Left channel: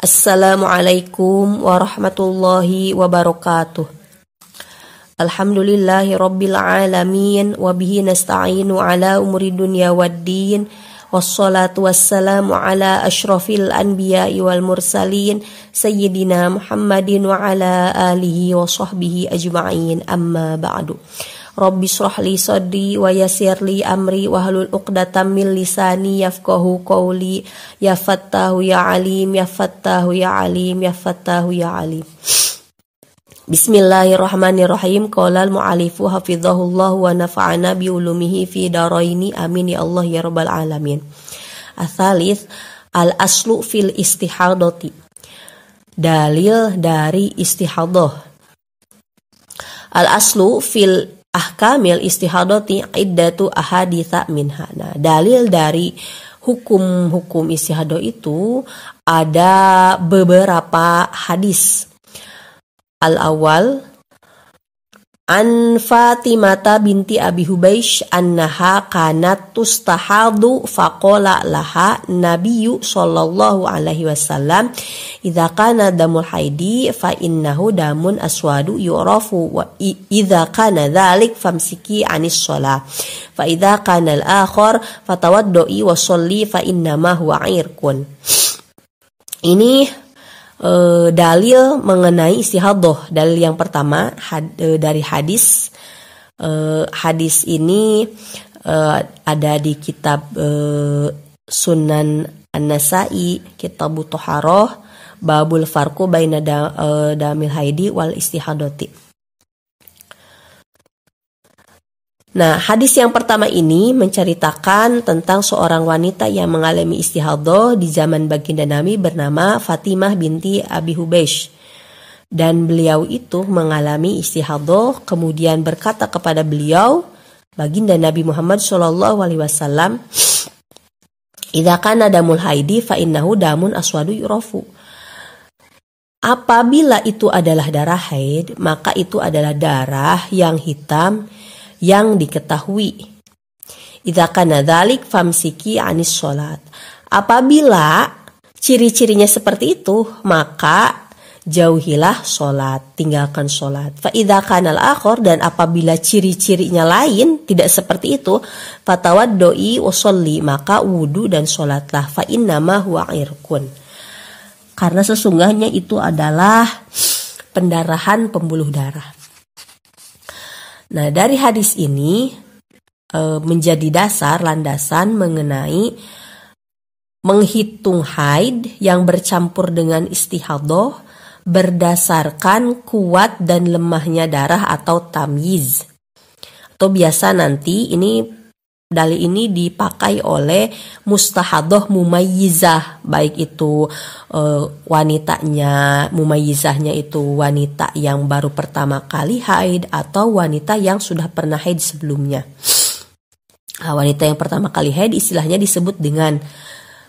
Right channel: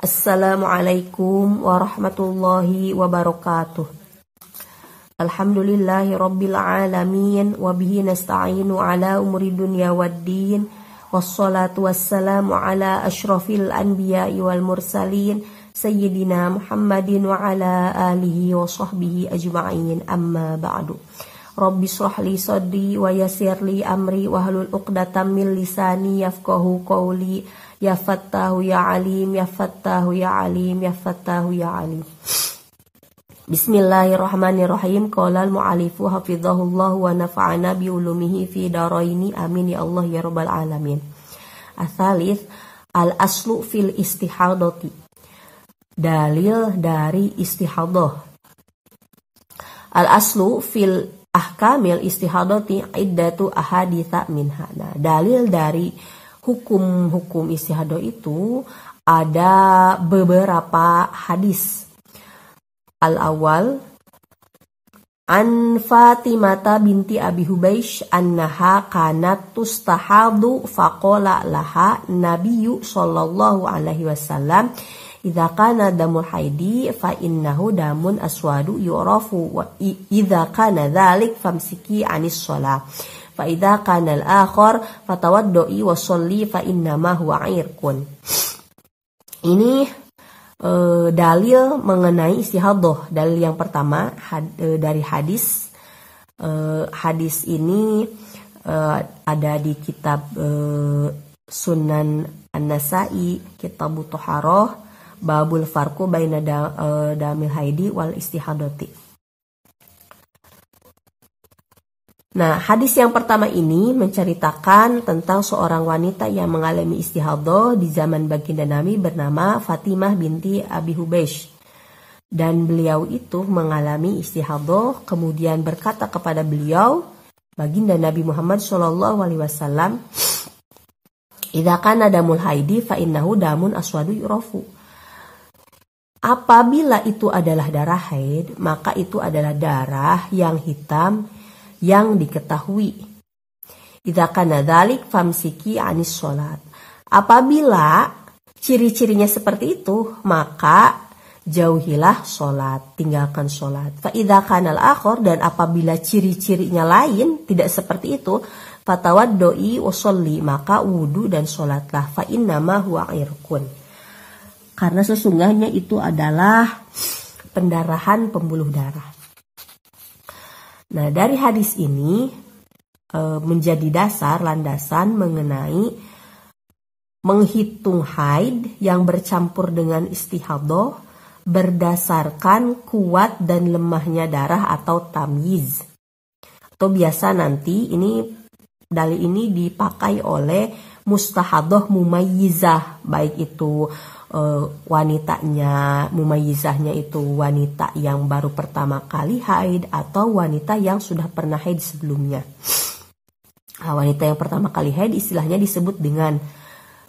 Assalamualaikum warahmatullahi wabarakatuh. Alhamdulillahi rabbil alamin wa bihi nasta'inu ala umuri dunya waddin. Wassalatu wassalamu ala asyrafil anbiya'i wal mursalin sayyidina Muhammadin wa ala alihi wa sahbihi ajma'in, amma ba'du. Rabbi shrah li sadri wa yassir li amri wahlul 'uqdatam min lisani yafqahu qawli. Ya Fattahu ya Alim, ya Fattahu ya Alim, ya Fattahu ya Alim. Bismillahirrahmanirrahim. Qala al-mu'allifu hafizahullah wa nafa'ana bi ulumihi fi daraini, amin ya Allah ya rabbal alamin. Ats-tsalits al-aslu fil istihadati. Dalil dari istihadah. Al-aslu fil ahkamil istihadati iddatu ahaditsa minha. Nah, dalil dari hukum-hukum istihadah itu ada beberapa hadis. Al-awwal an Fatimata binti Abi Hubeish annaha kanat tustahadu faqala laha Nabiyyu sallallahu alaihi wasallam idza kana damul haidi fa innahu damun aswadu yurafu wa idza kana dzalik famsiki anis shalah fa idza kana al-akhar fatawaddoi wa sholli fa innama huwa irqun. Ini dalil mengenai istihadah. Dalil yang pertama dari hadis. Hadis ini ada di kitab Sunan An-Nasa'i, Kitab Thaharah, Babul Farqu baina damil haidi wal istihadati. Nah, hadis yang pertama ini menceritakan tentang seorang wanita yang mengalami istihadah di zaman baginda Nabi bernama Fatimah binti Abi Hubeish. Dan beliau itu mengalami istihadah, kemudian berkata kepada beliau, baginda Nabi Muhammad SAW, idza kana damul haidi fa innahu damun aswadu yurafu. Apabila itu adalah darah haid, maka itu adalah darah yang hitam yang diketahui. Idza kana dzalik famsiki anis sholat. Apabila ciri-cirinya seperti itu, maka jauhilah sholat, tinggalkan sholat. Fa idza kana al-akhar, dan apabila ciri-cirinya lain tidak seperti itu, fatawaddoi wa sholli, maka wudu dan sholatlah. Fa innama huwa irqun. Karena sesungguhnya itu adalah pendarahan pembuluh darah. Nah, dari hadis ini menjadi dasar landasan mengenai menghitung haid yang bercampur dengan istihadah berdasarkan kuat dan lemahnya darah atau tamyiz. Atau biasa nanti dalil ini dipakai oleh mustahadah mumayyizah, baik itu wanitanya, mumayyizahnya itu wanita yang baru pertama kali haid atau wanita yang sudah pernah haid sebelumnya. Wanita yang pertama kali haid istilahnya disebut dengan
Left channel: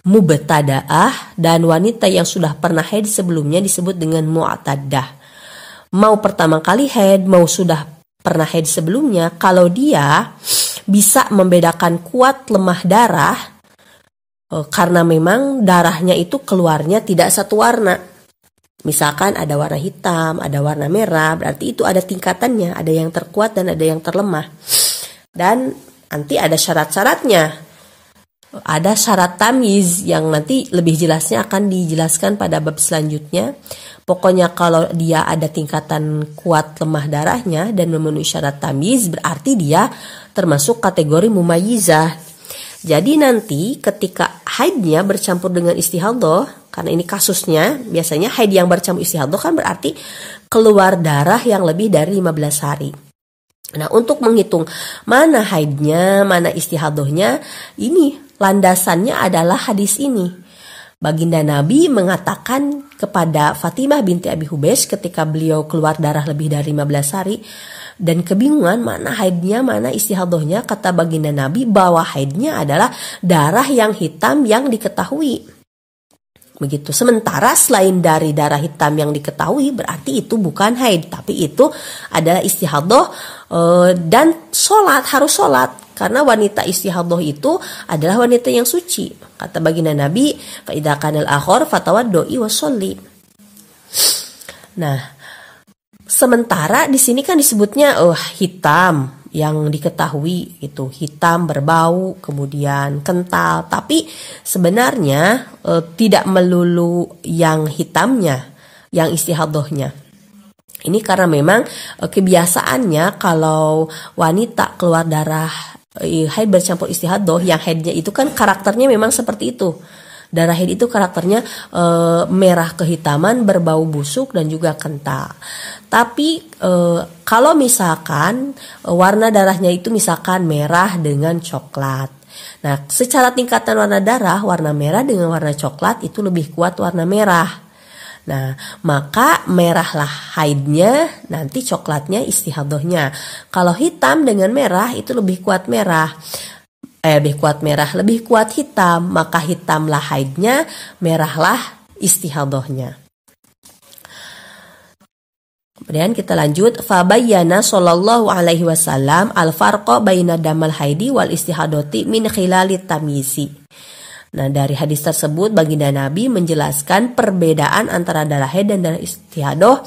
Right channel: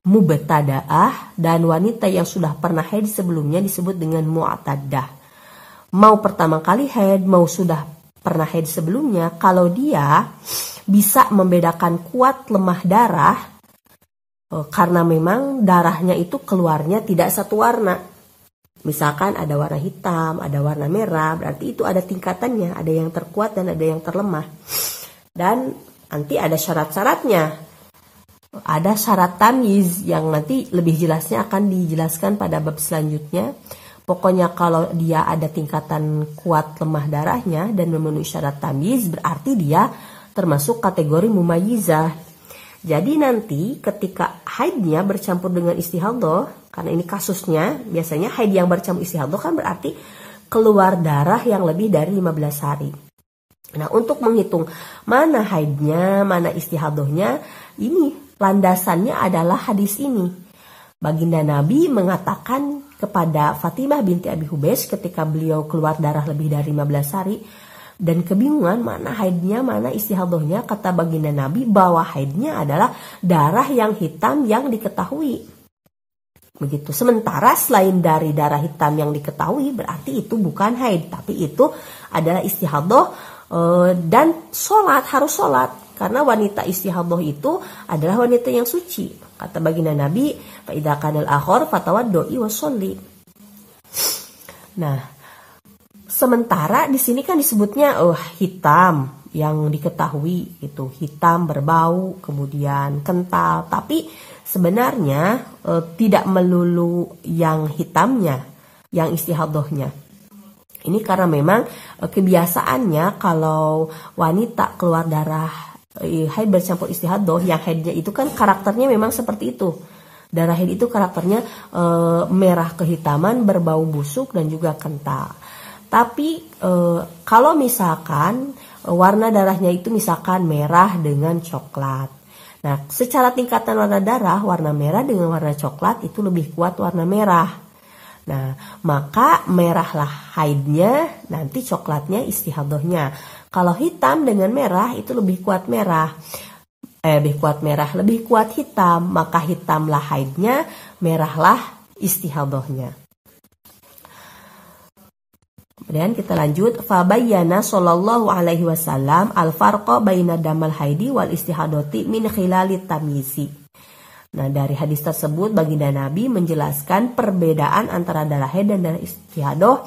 mubtada'ah, dan wanita yang sudah pernah haid sebelumnya disebut dengan mu'taddah. Mau pertama kali haid, mau sudah pernah haid sebelumnya, kalau dia bisa membedakan kuat lemah darah, karena memang darahnya itu keluarnya tidak satu warna. Misalkan ada warna hitam, ada warna merah, berarti itu ada tingkatannya, ada yang terkuat dan ada yang terlemah. Dan nanti ada syarat-syaratnya. Ada syarat tamyiz yang nanti lebih jelasnya akan dijelaskan pada bab selanjutnya. Pokoknya kalau dia ada tingkatan kuat lemah darahnya dan memenuhi syarat tamyiz, berarti dia termasuk kategori mumayyizah. Jadi nanti ketika haidnya bercampur dengan istihadah, karena ini kasusnya, biasanya haid yang bercampur istihadah kan berarti keluar darah yang lebih dari 15 hari. Nah, untuk menghitung mana haidnya, mana istihadahnya, ini landasannya adalah hadis ini. Baginda Nabi mengatakan kepada Fatimah binti Abi Hubeish ketika beliau keluar darah lebih dari 15 hari dan kebingungan mana haidnya, mana istihadahnya, kata baginda Nabi bahwa haidnya adalah darah yang hitam yang diketahui. Begitu. Sementara selain dari darah hitam yang diketahui, berarti itu bukan haid, tapi itu adalah istihadah dan sholat, harus sholat. Karena wanita istihadah itu adalah wanita yang suci. Kata baginda Nabi, fa idza kanal akhir fatawaddoi wasolli. Nah, sementara di sini kan disebutnya hitam yang diketahui itu, hitam berbau, kemudian kental. Tapi sebenarnya tidak melulu yang hitamnya, yang istihadahnya. Ini karena memang kebiasaannya kalau wanita keluar darah haid bercampur istihadah, yang haidnya itu kan karakternya memang seperti itu. Darah haid itu karakternya merah kehitaman, berbau busuk dan juga kental. Tapi kalau misalkan warna darahnya itu misalkan merah dengan coklat. Nah, secara tingkatan warna darah, warna merah dengan warna coklat itu lebih kuat warna merah. Nah, maka merahlah haidnya, nanti coklatnya istihadahnya. Kalau hitam dengan merah itu lebih kuat merah. Lebih kuat hitam, maka hitamlah haidnya, merahlah istihadahnya. Kemudian kita lanjut, fabayyana sallallahu alaihi wasallam al-farqa baina damal haidi wal istihadati min khilalit tamyizi. Nah, dari hadis tersebut baginda Nabi menjelaskan perbedaan antara darah haid dan darah istihadah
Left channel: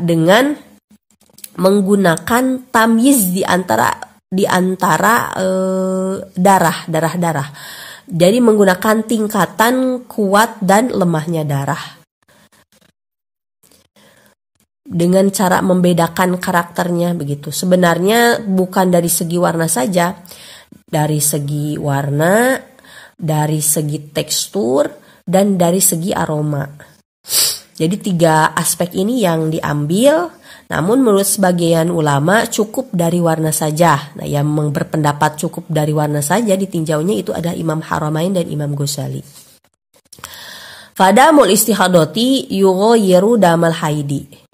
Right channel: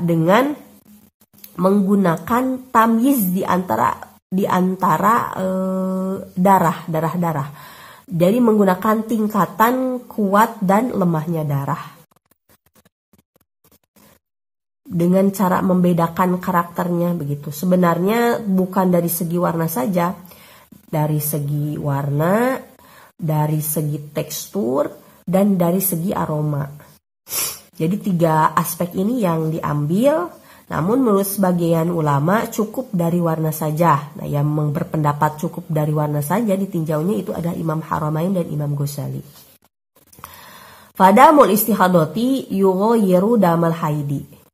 dengan menggunakan tamyiz di antara darah. Jadi menggunakan tingkatan kuat dan lemahnya darah. Dengan cara membedakan karakternya begitu. Sebenarnya bukan dari segi warna saja, dari segi warna, dari segi tekstur, dan dari segi aroma. Jadi 3 aspek ini yang diambil, namun menurut sebagian ulama cukup dari warna saja. Nah, yang berpendapat cukup dari warna saja ditinjaunya itu adalah Imam Haramain dan Imam Ghazali. Fadamul istihadati yughayyiru damal haidi.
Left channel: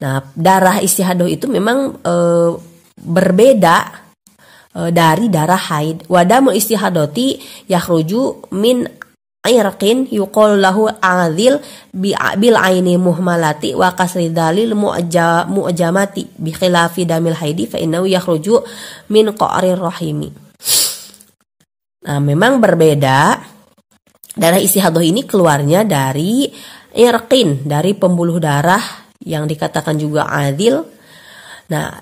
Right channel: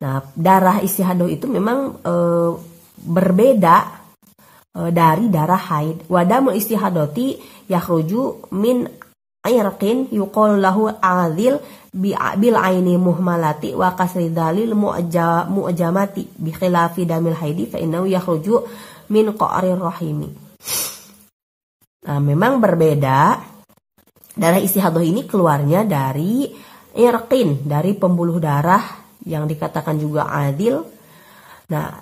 Nah, darah istihadah itu memang berbeda dari darah haid. Wadamul istihadati yakhruju min irqin yuqal lahu adil bil aini muhmalati wa kasri dalil mu'jamati bi khilafi damil haidi fa innahu yakhruju min qa'rir rahimi. Nah, memang berbeda. Darah istihadah ini keluarnya dari irqin, dari pembuluh darah yang dikatakan juga adil. Nah,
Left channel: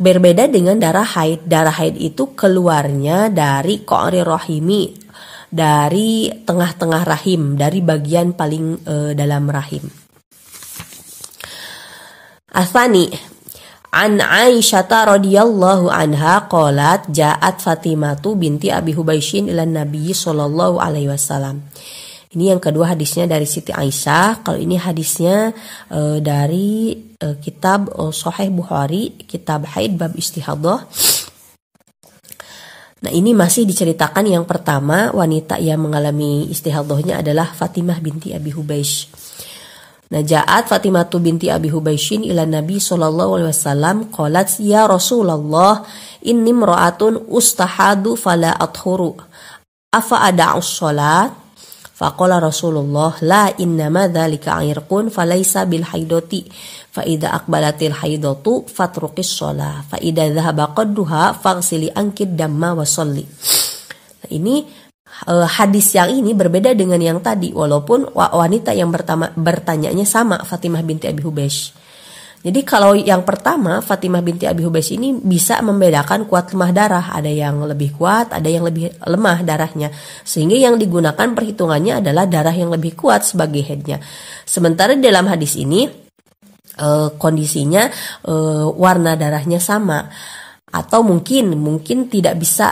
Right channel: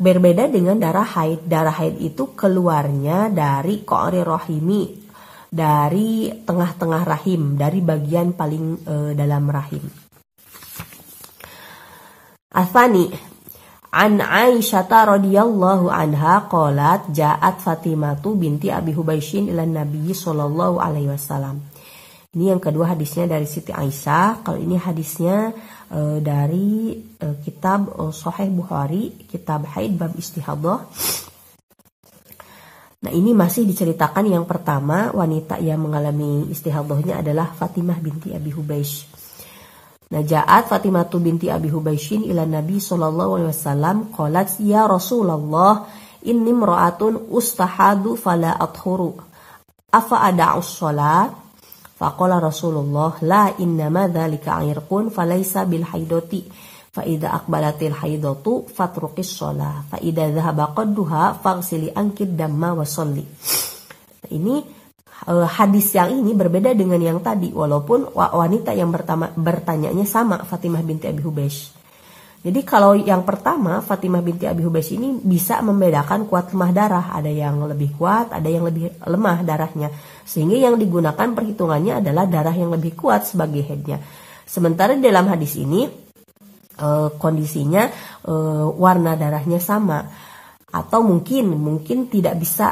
berbeda dengan darah haid. Darah haid itu keluarnya dari qa'ri rahimi, dari tengah-tengah rahim, dari bagian paling dalam rahim. Athani an Aisyah radhiyallahu anha qalat ja'at Fatimatu binti Abi Hubaisyin ila Nabi sallallahu alaihi wasallam. Ini yang kedua hadisnya dari Siti Aisyah. Kalau ini hadisnya dari kitab Sahih Bukhari, kitab haid bab istihadah. Nah, ini masih diceritakan yang pertama, wanita yang mengalami istihadahnya adalah Fatimah binti Abi Hubaish. Nah, ja'at Fatimah binti Abi Hubaisyin ila Nabi sallallahu alaihi wasallam qalat ya Rasulullah inni imra'atun ustahadu fala athuru afa ada'us shalat. Faqala Rasulullah la innama dzalika irqun falaysa bil haidati fa idza aqbalatil haidatu fatruqis shalah fa idza dhahaba qadduha faghsili ankid damma wa sholli. Nah, ini hadis yang ini berbeda dengan yang tadi, walaupun wanita yang bertanyanya sama, Fatimah binti Abi Hubeish. Jadi kalau yang pertama Fatimah binti Abi Hubeish ini bisa membedakan kuat lemah darah, ada yang lebih kuat, ada yang lebih lemah darahnya, sehingga yang digunakan perhitungannya adalah darah yang lebih kuat sebagai headnya. Sementara dalam hadis ini kondisinya warna darahnya sama, atau mungkin tidak bisa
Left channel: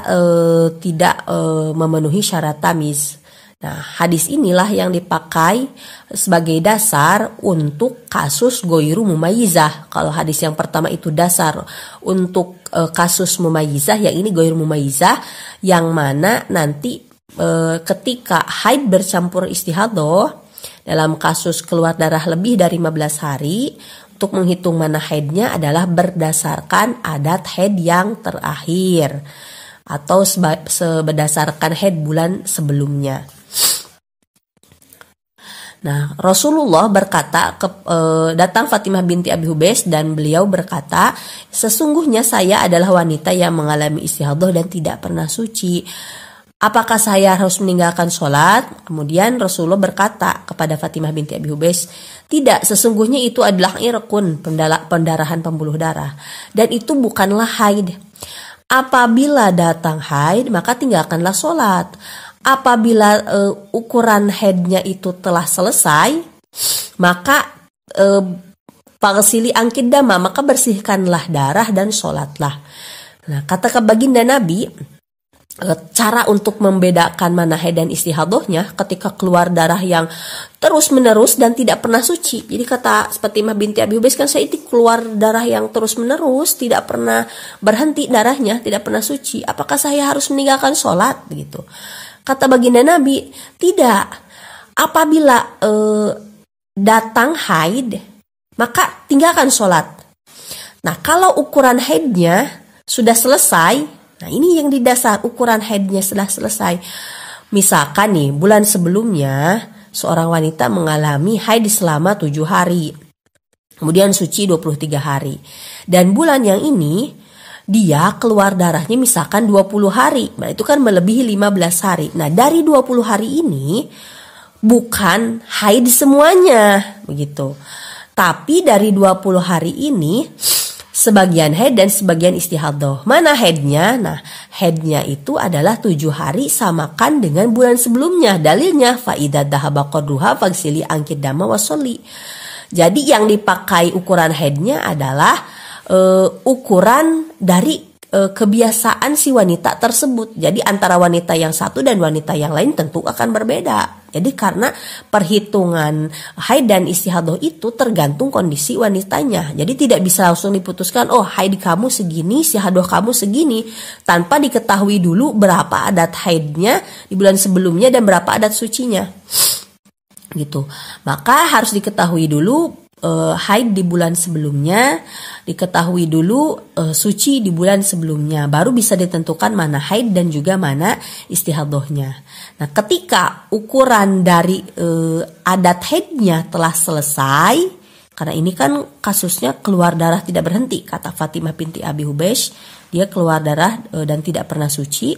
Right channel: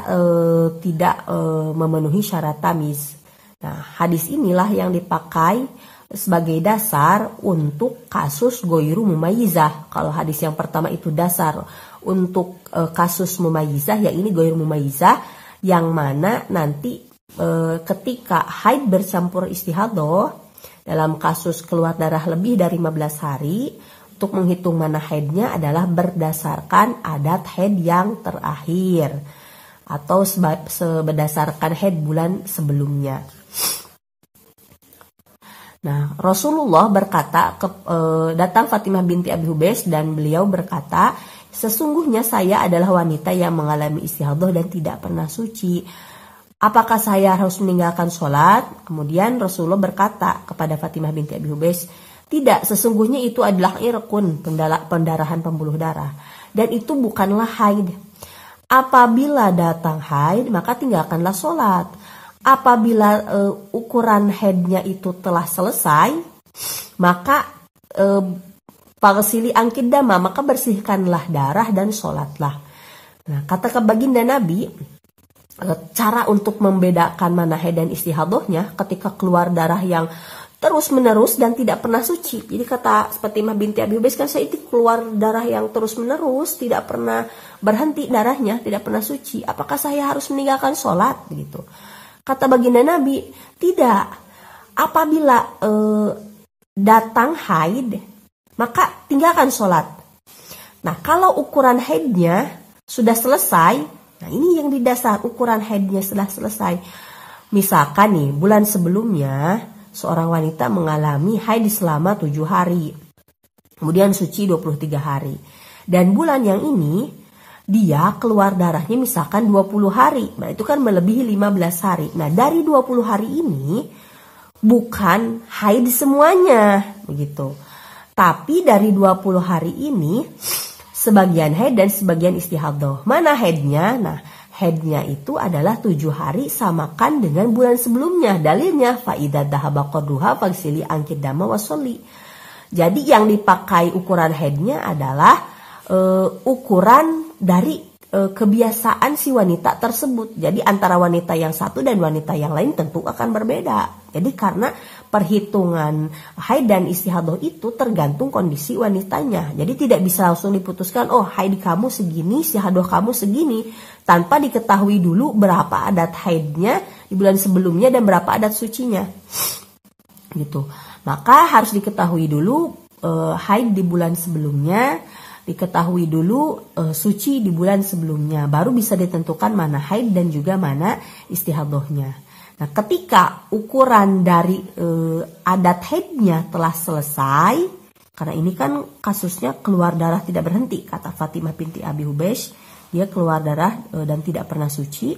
tidak memenuhi syarat tamyiz. Nah, hadis inilah yang dipakai sebagai dasar untuk kasus goiru mumayyizah. Kalau hadis yang pertama itu dasar untuk kasus mumayyizah, yang ini goiru mumayyizah, yang mana nanti ketika haid bercampur istihadah, dalam kasus keluar darah lebih dari 15 hari, untuk menghitung mana haidnya adalah berdasarkan adat haid yang terakhir atau berdasarkan haid bulan sebelumnya. Nah, Rasulullah berkata, datang Fatimah binti Abi Hubeish dan beliau berkata, sesungguhnya saya adalah wanita yang mengalami istihadah dan tidak pernah suci. Apakah saya harus meninggalkan sholat? Kemudian Rasulullah berkata kepada Fatimah binti Abi Hubaisy, tidak, sesungguhnya itu adalah irqun, pendarahan pembuluh darah, dan itu bukanlah haid. Apabila datang haid, maka tinggalkanlah sholat. Apabila ukuran haidnya itu telah selesai, maka faghsili anki dama, maka bersihkanlah darah dan sholatlah. Nah, kata baginda Nabi, cara untuk membedakan mana haid dan istihadahnya ketika keluar darah yang terus menerus dan tidak pernah suci. Jadi kata Fatimah binti Abi Hubaisy, kan saya itu keluar darah yang terus menerus, tidak pernah berhenti darahnya, tidak pernah suci. Apakah saya harus meninggalkan sholat? Begitu. Kata baginda Nabi, tidak. Apabila datang haid, maka tinggalkan sholat. Nah, kalau ukuran haidnya sudah selesai, nah ini yang didasar, ukuran haidnya sudah selesai. Misalkan nih, bulan sebelumnya seorang wanita mengalami haid selama 7 hari. Kemudian suci 23 hari. Dan bulan yang ini dia keluar darahnya misalkan 20 hari. Nah, itu kan melebihi 15 hari. Nah, dari 20 hari ini bukan haid semuanya, begitu. Tapi dari 20 hari ini sebagian haid dan sebagian istihadah. Mana haidnya? Nah, haidnya itu adalah 7 hari samakan dengan bulan sebelumnya. Dalilnya fa idza dhahaba qadruha faghsili anki dama wasolli. Jadi yang dipakai ukuran haidnya adalah ukuran dari kebiasaan si wanita tersebut. Jadi antara wanita yang satu dan wanita yang lain tentu akan berbeda. Jadi karena perhitungan haid dan istihadah itu tergantung kondisi wanitanya. Jadi tidak bisa langsung diputuskan, oh haid kamu segini, istihadah kamu segini, tanpa diketahui dulu berapa adat haidnya di bulan sebelumnya dan berapa adat sucinya. Gitu. Maka harus diketahui dulu haid di bulan sebelumnya, diketahui dulu suci di bulan sebelumnya, baru bisa ditentukan mana haid dan juga mana istihadahnya. Nah, ketika ukuran dari adat haidnya telah selesai, karena ini kan kasusnya keluar darah tidak berhenti, kata Fatimah binti Abi Hubaisy, dia keluar darah dan tidak pernah suci.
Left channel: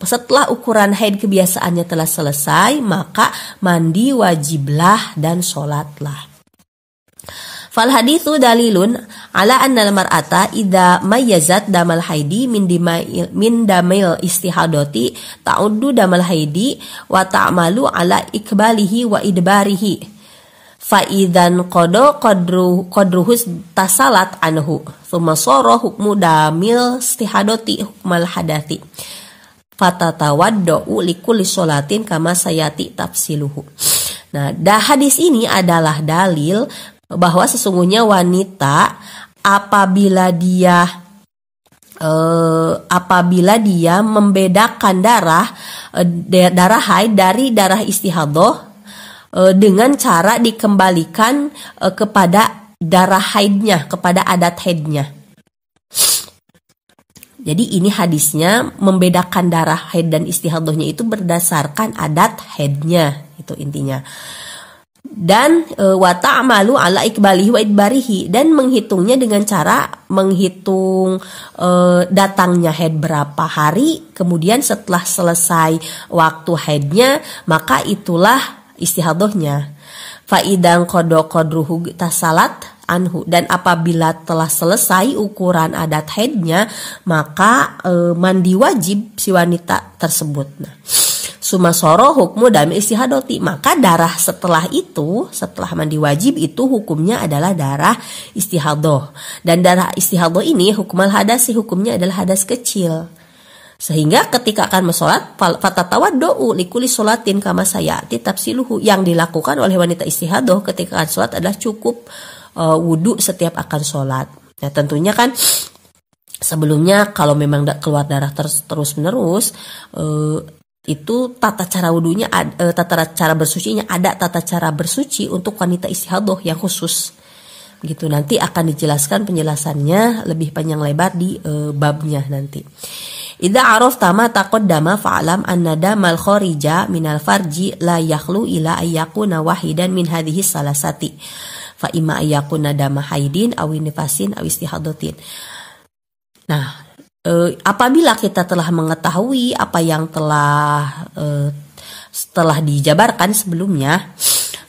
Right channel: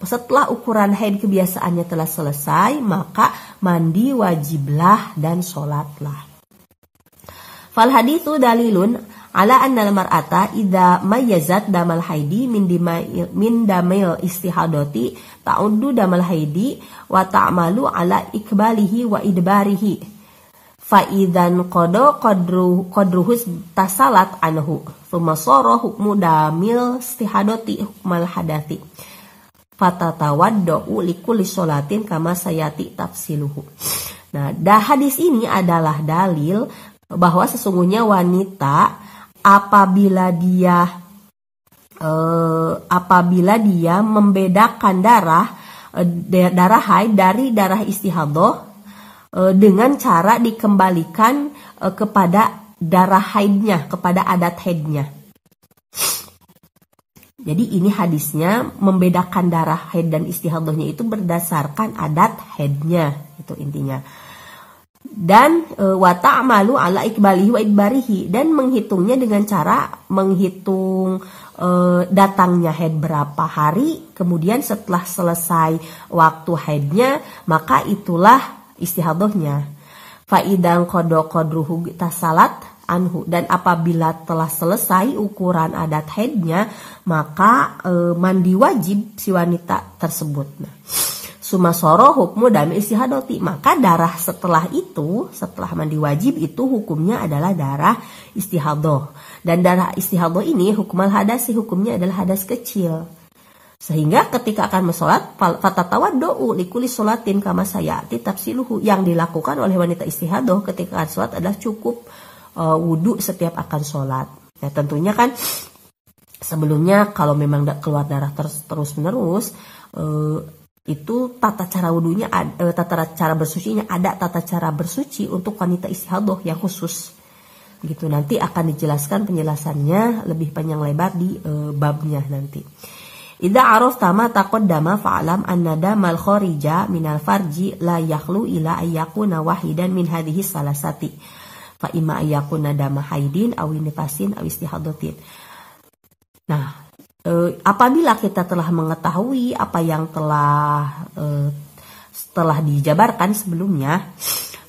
Setelah ukuran haid kebiasaannya telah selesai, maka mandi wajiblah dan sholatlah. Fal haditsu dalilun ala anna al-mar'ata idza mayyazat damal haidi min damil istihadati ta'uddu damal haidi wa ta'malu ala ikbalihi wa idbarihi fa idzan qadruhu tasalat anhu thumma sara hukmu damil istihadati hukmal hadathi fatatawaddu likulli sholatin kama sayati tafsiluhu. Nah, hadis ini adalah dalil bahwa sesungguhnya wanita apabila dia membedakan darah haid dari darah istihadah dengan cara dikembalikan kepada darah haidnya, kepada adat haidnya. Jadi ini hadisnya membedakan darah haid dan istihadahnya itu berdasarkan adat haidnya, itu intinya. Dan wa ta'malu ala ikbalihi wa idbarihi, dan menghitungnya dengan cara menghitung datangnya haid berapa hari, kemudian setelah selesai waktu haidnya maka itulah istihadahnya. Fa idzan qadruhu tasalat anhu, dan apabila telah selesai ukuran adat haidnya maka mandi wajib si wanita tersebut. Nah, sumasoro hukmu dami istihadati, maka darah setelah itu, setelah mandi wajib itu hukumnya adalah darah istihadah. Dan darah istihadah ini hukmal hadasi, hukumnya adalah hadas kecil. Sehingga ketika akan mensolat, fatatawaddu likulli sholatin kama sayati tafsiluhu, yang dilakukan oleh wanita istihadah ketika akan sholat adalah cukup wudu setiap akan sholat. Nah, tentunya kan sebelumnya kalau memang keluar darah terus menerus, itu tata cara wudunya, tata cara bersucinya ada tata cara bersuci untuk wanita istihadah yang khusus. Begitu, nanti akan dijelaskan penjelasannya lebih panjang lebar di babnya nanti. Idza arafta ma taqaddama fa'lam anna damal kharija minal farji la yakhlu ila ayyakuna wahidan min hadhihi salasati. fa imma ayakuna dama haidin aw nifasin aw istihadatin. Nah, apabila kita telah mengetahui apa yang telah dijabarkan sebelumnya,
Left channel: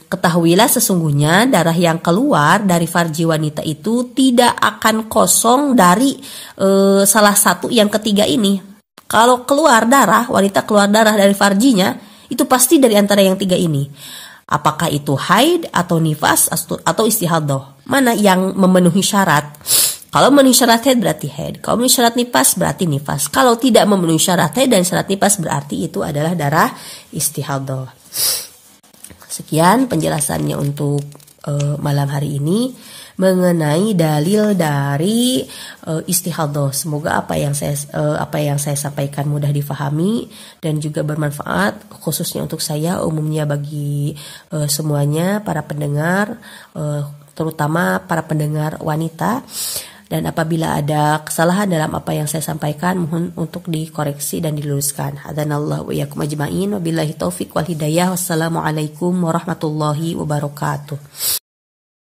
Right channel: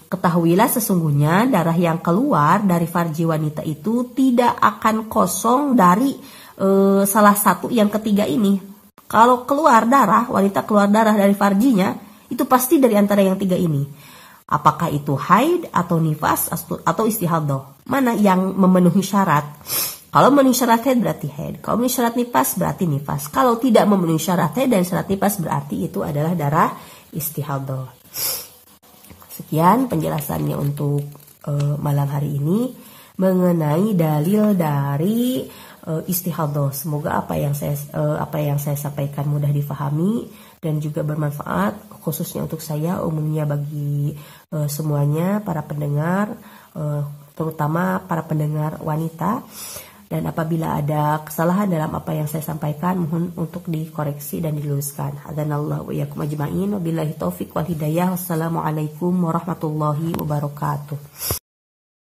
ketahuilah sesungguhnya darah yang keluar dari farji wanita itu tidak akan kosong dari salah satu yang ketiga ini. Kalau keluar darah, wanita keluar darah dari farjinya, itu pasti dari antara yang tiga ini. Apakah itu haid atau nifas atau istihadah? Mana yang memenuhi syarat? Kalau memenuhi syarat haid berarti haid. Kalau memenuhi syarat nifas berarti nifas. Kalau tidak memenuhi syarat haid dan syarat nifas berarti itu adalah darah istihadah. Sekian penjelasannya untuk malam hari ini mengenai dalil dari istihadah. Semoga apa yang saya sampaikan mudah difahami dan juga bermanfaat, khususnya untuk saya, umumnya bagi semuanya para pendengar, terutama para pendengar wanita. Dan apabila ada kesalahan dalam apa yang saya sampaikan, mohon untuk dikoreksi dan diluruskan. Hadanallahu wa iyyakum ajma'in. Wabillahi taufiq wal hidayah. Wassalamualaikum warahmatullahi wabarakatuh.